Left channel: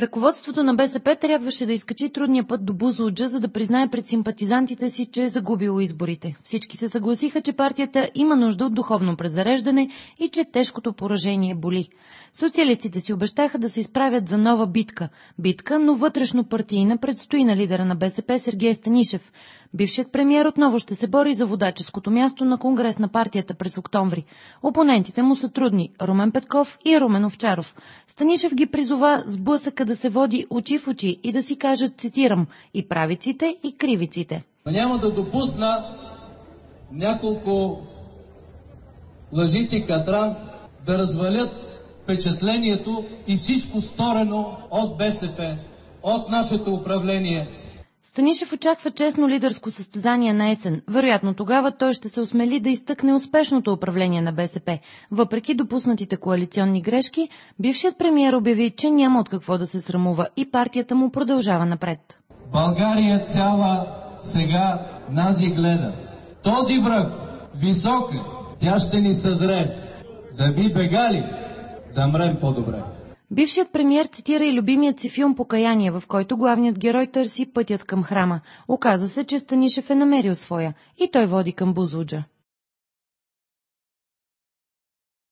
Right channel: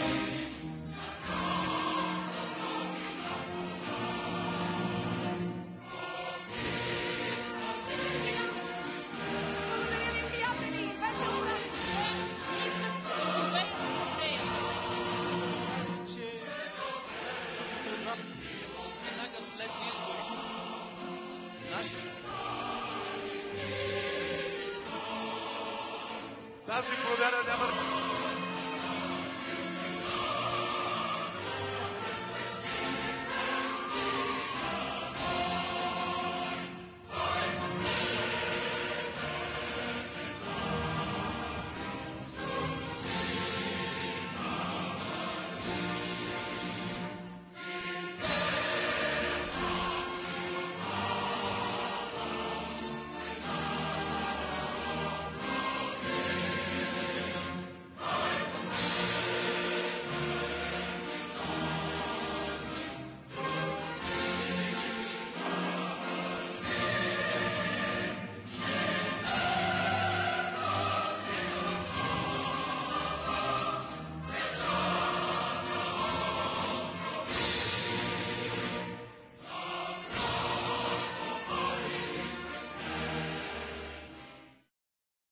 Ръководството на БСП трябваше да изкачи трудния път до Бузлуджа, за да признае пред симпатизантите си, че е загубило изборите. Всички се съгласиха, че партията има нужда от духовно презареждане и че тежкото поражение боли. Социалистите си обещаха да се изправят за нова битка. Битка, но вътрешно партийна, предстои на лидера на БСП Сергей Станишев. Бившият премиер отново ще се бори за водаческото място на конгрес на партията през октомври. Опонентите му са трудни – Румен Петков и Румен Овчаров. Станишев ги призова с блъсъка да се води очи в очи и да си кажат, цитирам, и правиците, и кривиците. Няма да допусна няколко лъжици катран да развалят впечатлението и всичко сторено от БСП, от нашето управление. Станишев очаква честно лидерско състезание на есен. Вероятно тогава той ще се осмели да изтъкне успешното управление на БСП. Въпреки допуснатите коалиционни грешки, бившият премиер обяви, че няма от какво да се срамува и партията му продължава напред. България цяла сега нази гледа. Този връх, високи, тя ще ни съзре. Да би бегали, да мрем по-добре. Бившият премиер цитира и любимият си филм «Покаяние», в който главният герой търси пътят към храма. Оказа се, че Станишев е намерил своя и той води към Бузлуджа.